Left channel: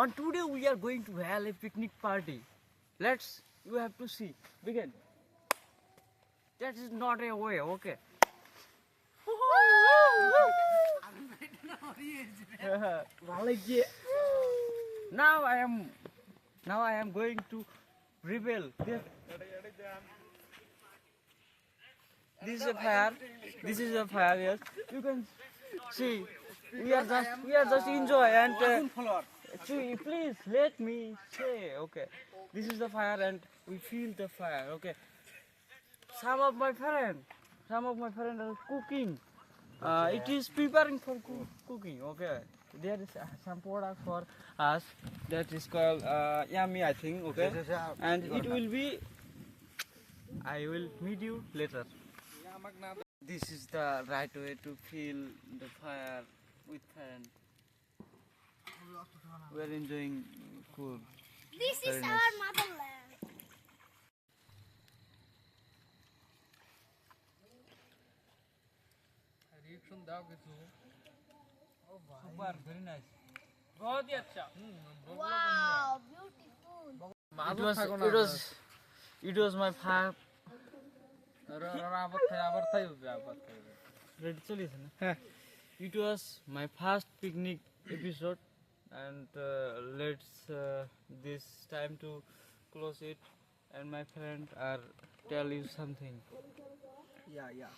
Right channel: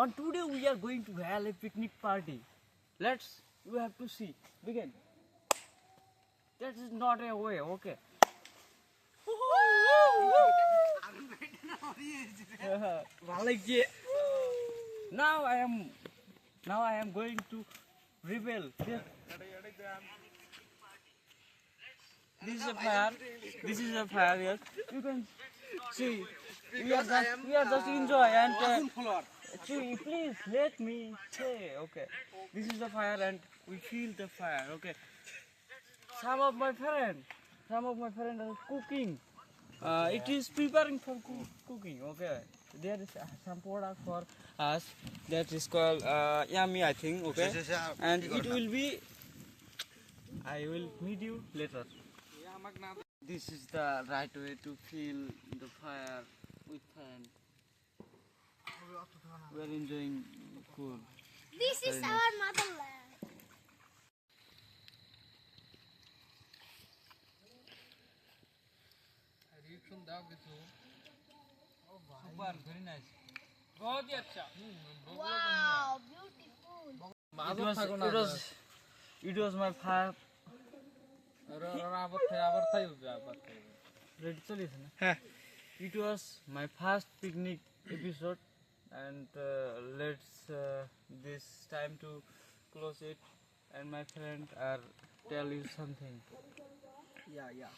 On today we are going to have a picnic party. You have to see. Begin. That is not a way, okay? Now I am going to reveal. This is a fire. Yes. You can see. We are just enjoy and see. Please let me say. Okay. This is the fire and we feel the fire. Okay. Some of my friends are cooking. It is preparing for cooking. Okay. There is some product for us that is called yummy, I think. Okay. And it will be. I will meet you later. This is the right way to feel the fire with fan. We are enjoying cool. This is Very our nice. motherland. Super, very nice. Wow, beautiful. It was my fire. It was my first picnic episode, and this time to close it. And my friend tell you something. Yeah.